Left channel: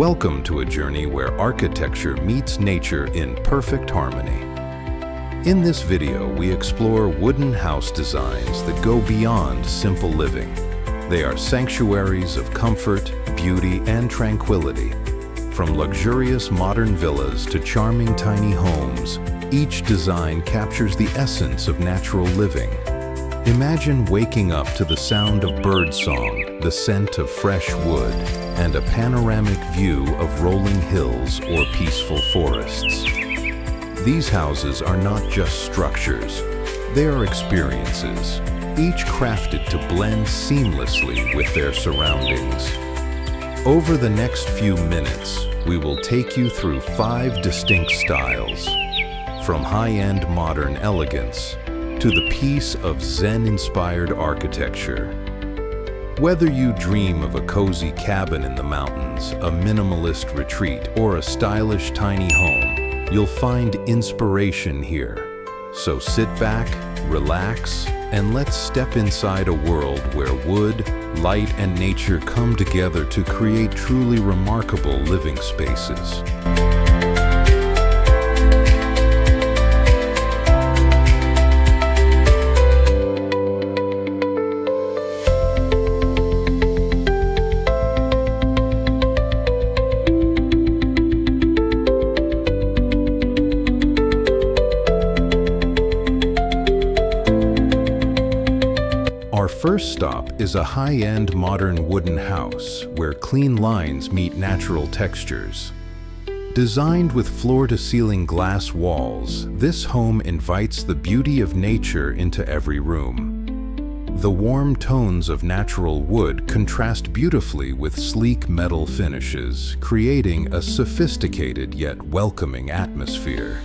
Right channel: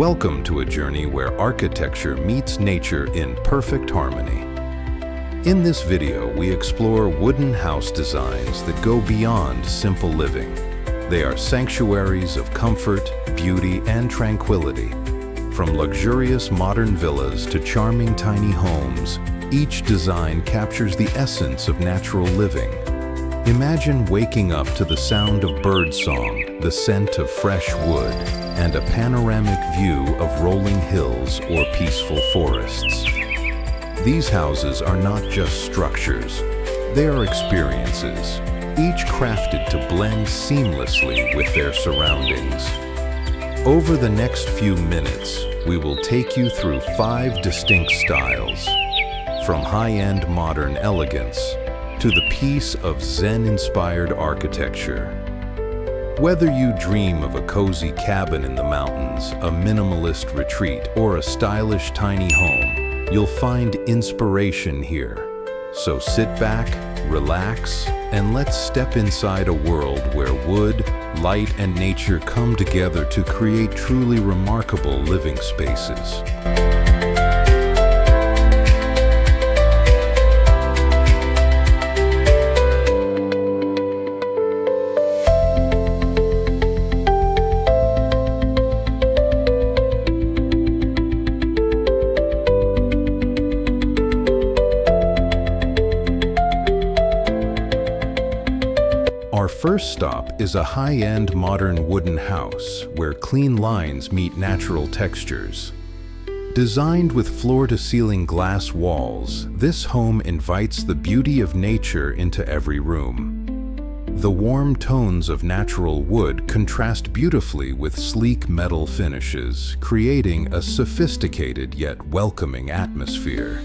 Welcome to a journey where architecture meets nature in perfect harmony. In this video, we explore wooden house designs that go beyond simple living. They are sanctuaries of comfort, beauty, and tranquility. From luxurious modern villas to charming tiny homes, each design captures the essence of natural living. Imagine waking up to the sound of birdsong, the scent of fresh wood, and a panoramic view of rolling hills or peaceful forests. These houses are not just structures, they are experiences, each crafted to blend seamlessly with their surroundings. Over the next few minutes, we will take you through 5 distinct styles, from high-end modern elegance to the peace of Zen-inspired architecture. Whether you dream of a cozy cabin in the mountains, a minimalist retreat, or a stylish tiny home, you'll find inspiration here. So sit back, relax, and let's step inside a world where wood, light, and nature come together to create truly remarkable living spaces. Our first stop is a high-end modern wooden house where clean lines meet natural textures. Designed with floor-to-ceiling glass walls, this home invites the beauty of nature into every room. The warm tones of natural wood contrast beautifully with sleek metal finishes, creating a sophisticated yet welcoming atmosphere.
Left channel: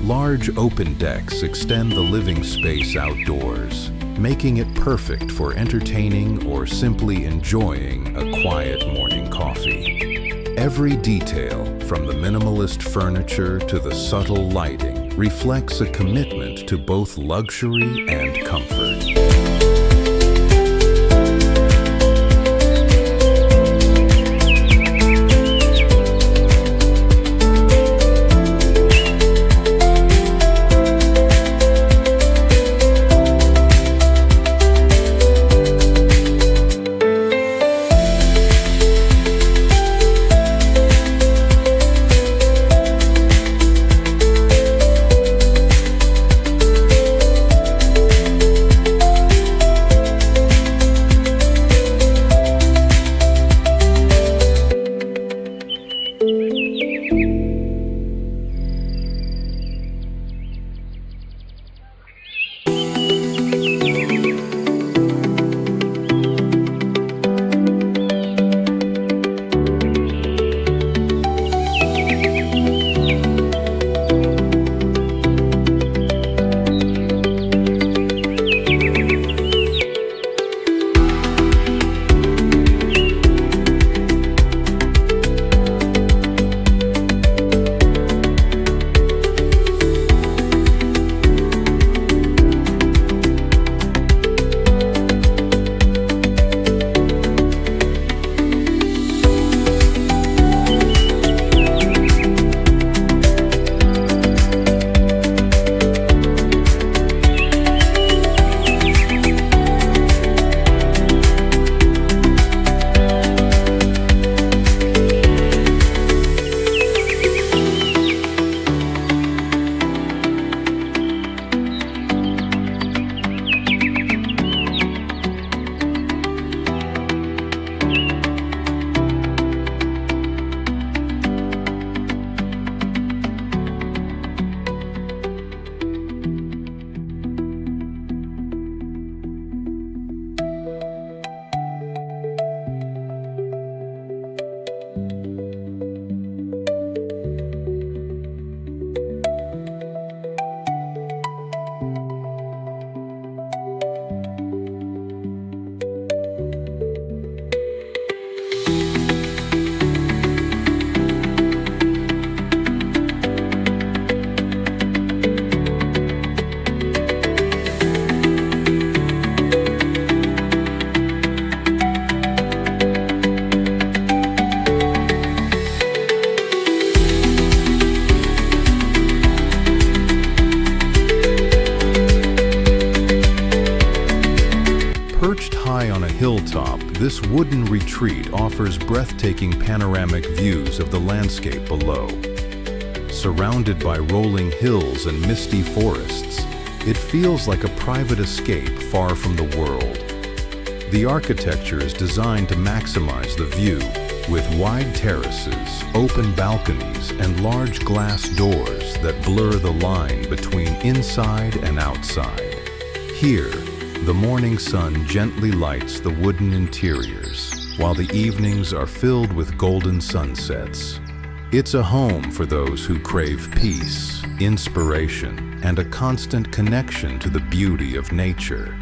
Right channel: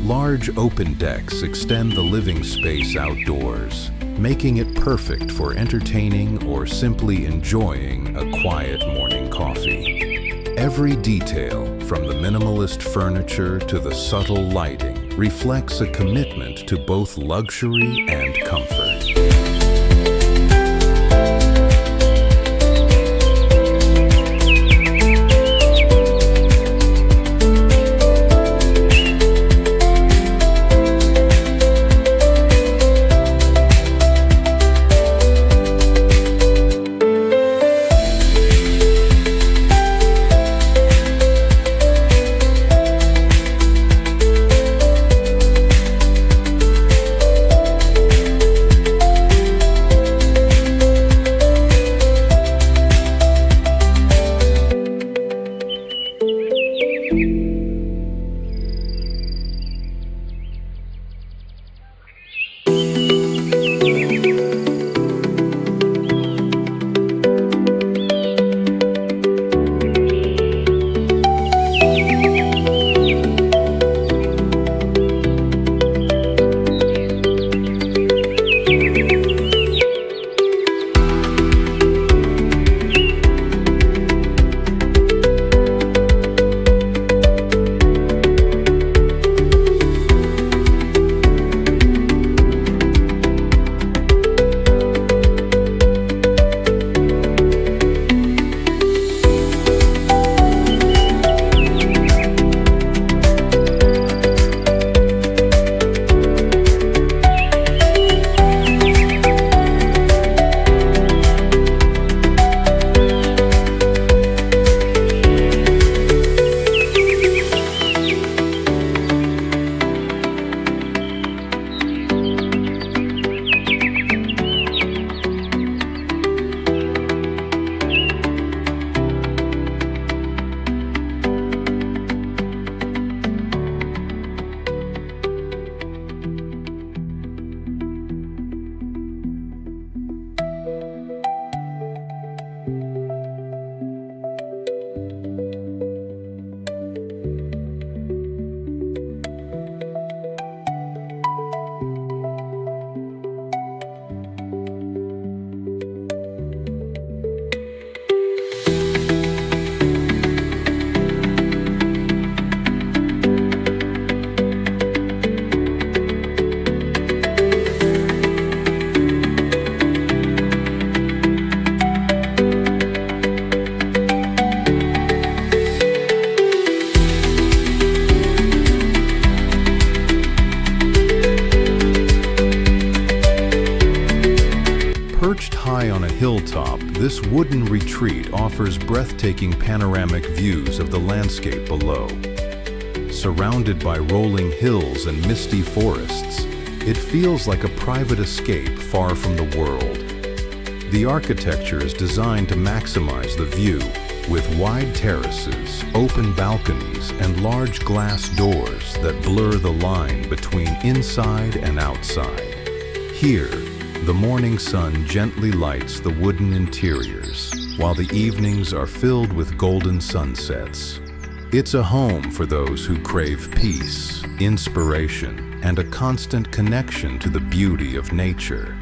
Large open decks extend the living space outdoors, making it perfect for entertaining or simply enjoying a quiet morning coffee. Every detail, from the minimalist furniture to the subtle lighting, reflects a commitment to both luxury and comfort. Perched high on a hilltop, this wooden retreat offers breathtaking panoramic views of the landscape below. Surrounded by rolling hills and misty forests, it feels like a private escape far from the world. The architecture is designed to maximize the view, with wide terraces, open balconies, and large glass doors that blur the line between inside and outside. Here, the morning sun gently lights the wooden interiors, while the evenings are filled with golden sunsets. It's a home for those who crave peace, inspiration, and a constant connection to the beauty of nature.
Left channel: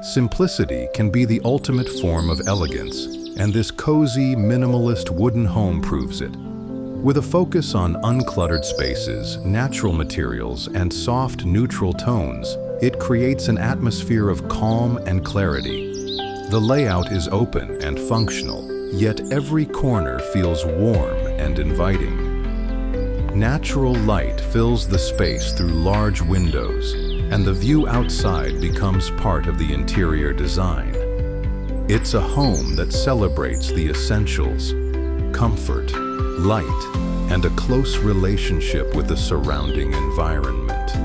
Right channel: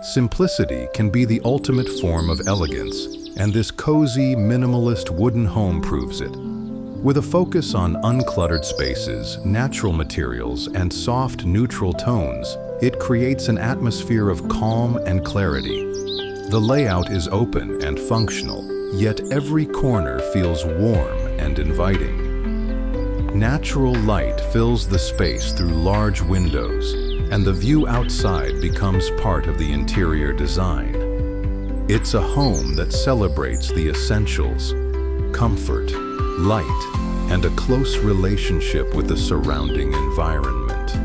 Simplicity can be the ultimate form of elegance, and this cozy, minimalist wooden home proves it. With a focus on uncluttered spaces, natural materials, and soft, neutral tones, it creates an atmosphere of calm and clarity. The layout is open and functional, yet every corner feels warm and inviting. Natural light fills the space through large windows, and the view outside becomes part of the interior design. It's a home that celebrates the essentials: comfort, light, and a close relationship with the surrounding environment.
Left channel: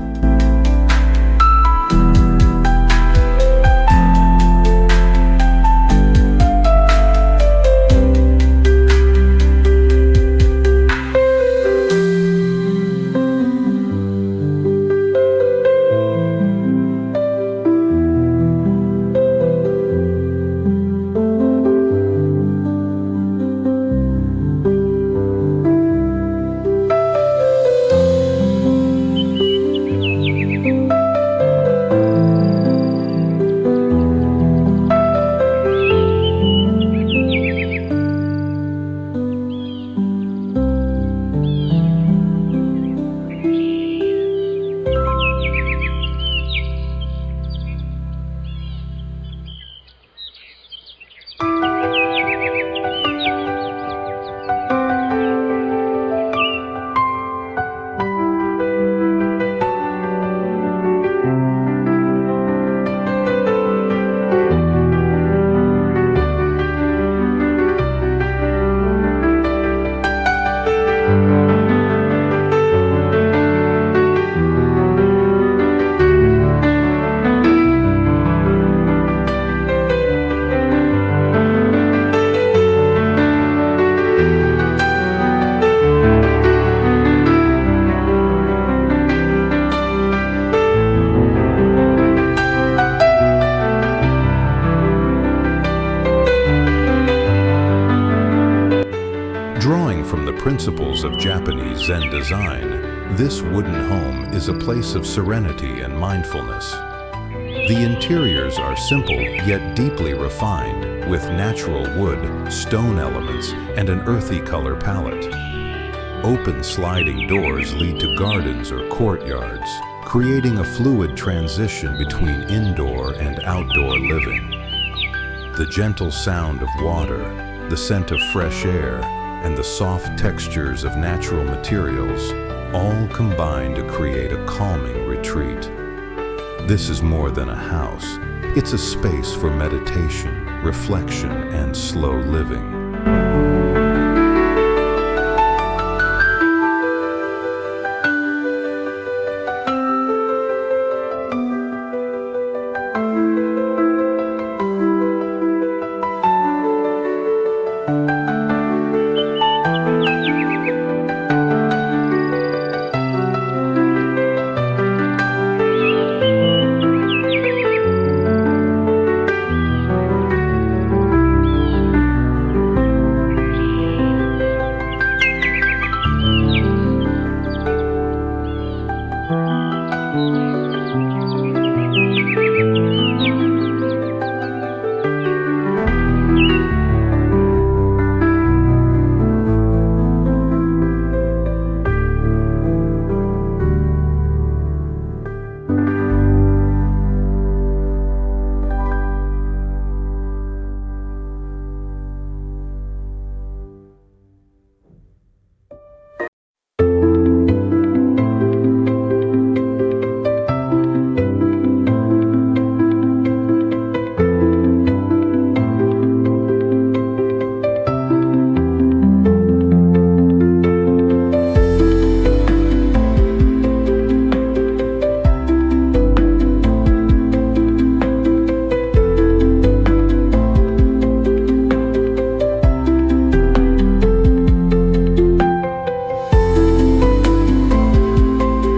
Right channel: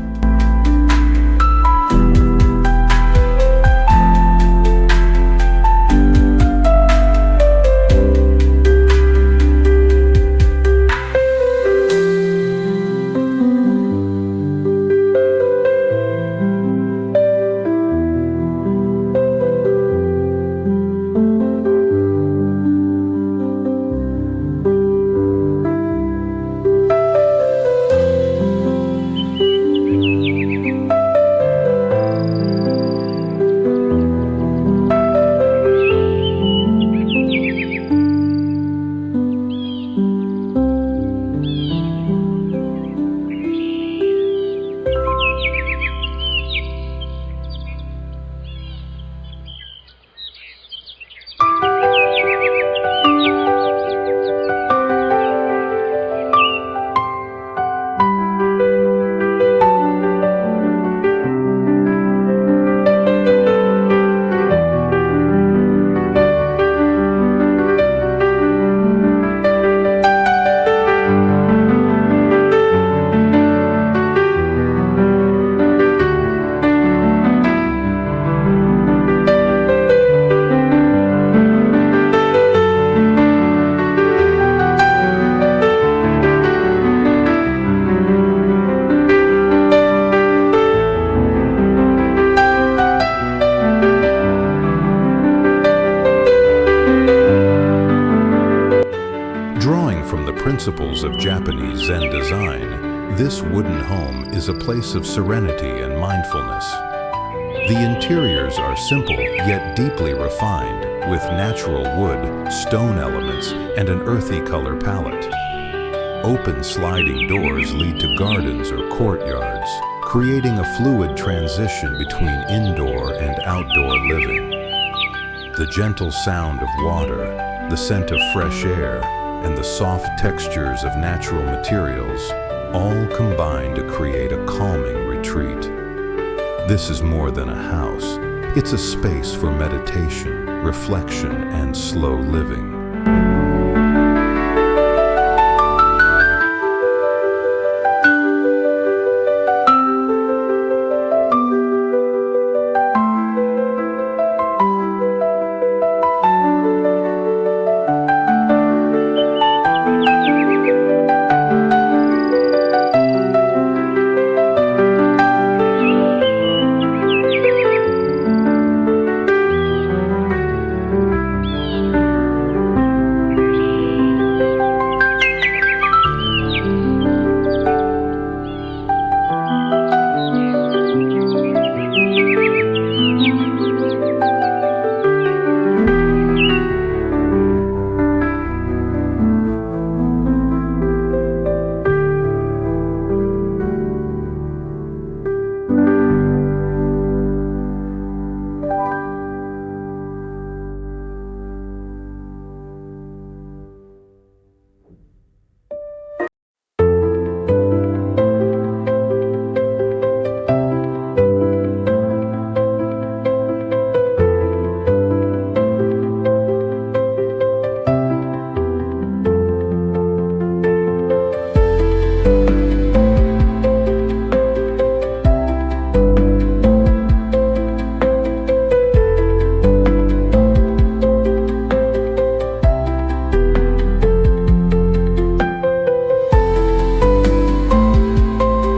Drawing from the principles of Japanese Zen design, this wooden home is a place of serenity and mindfulness. The interiors are simple yet deeply refined, with natural wood, stone elements, and an earthy color palette. Open sliding doors lead to gardens or courtyards, creating a fluid transition between indoor and outdoor living. The gentle sound of water, the scent of fresh air, and the soft textures of natural materials all combine to create a calming retreat. This is more than a house. It's a space for meditation, reflection, and slow living.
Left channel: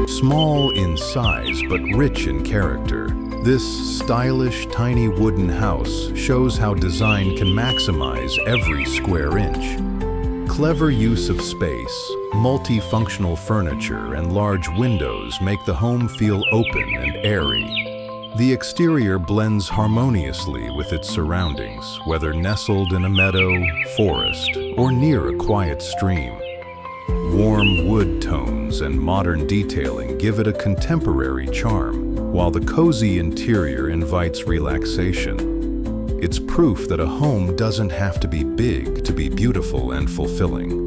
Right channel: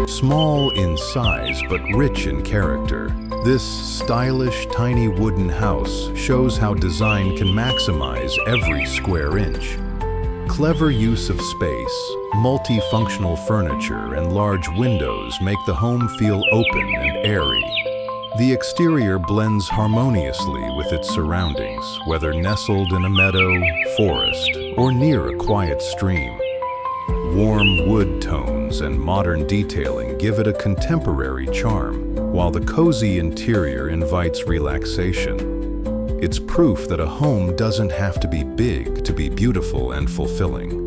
Small in size but rich in character, this stylish, tiny wooden house shows how design can maximize every square inch. Clever use of space, multifunctional furniture, and large windows make the home feel open and airy. The exterior blends harmoniously with its surroundings, whether nestled in a meadow, forest, or near a quiet stream. Warm wood tones and modern detailing give it a contemporary charm, while the cozy interior invites relaxation. It's proof that a home doesn't have to be big to be beautiful and fulfilling.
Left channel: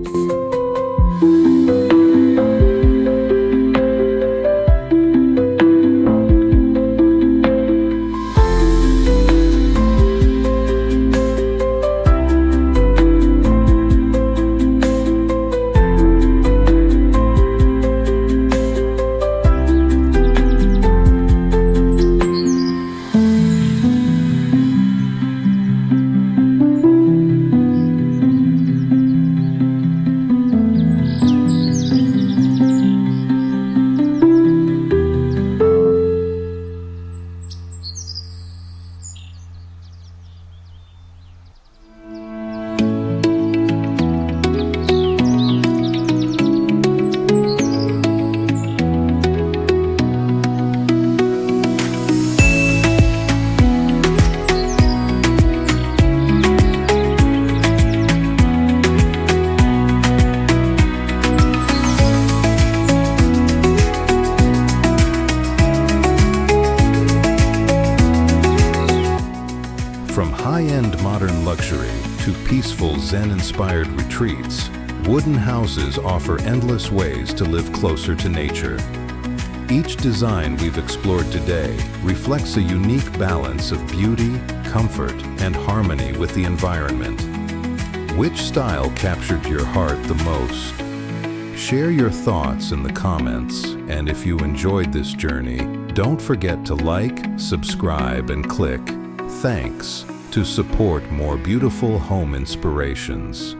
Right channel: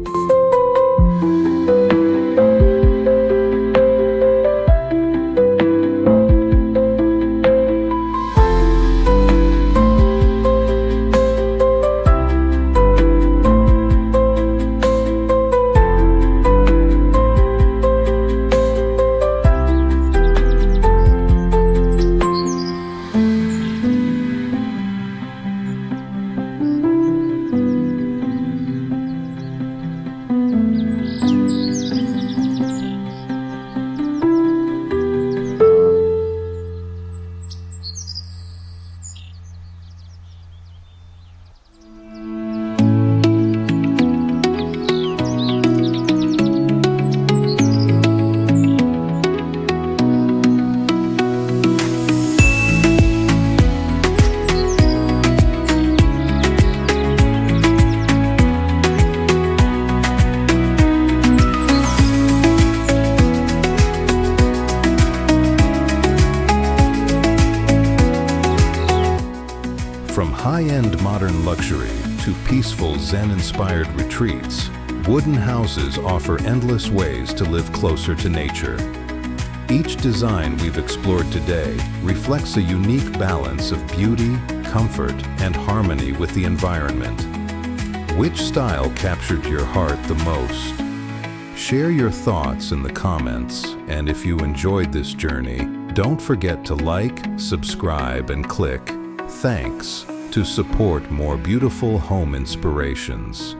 From high-end modern luxury to peaceful Zen-inspired retreats, wooden houses offer endless ways to live closer to nature. Each design we've explored today reflects a unique balance of beauty, comfort, and harmony with the environment. Which style captured your heart the most? Share your thoughts in the comments, and if you enjoyed this journey, don't forget to like, subscribe, and click "Thanks" to support more beautiful home inspirations.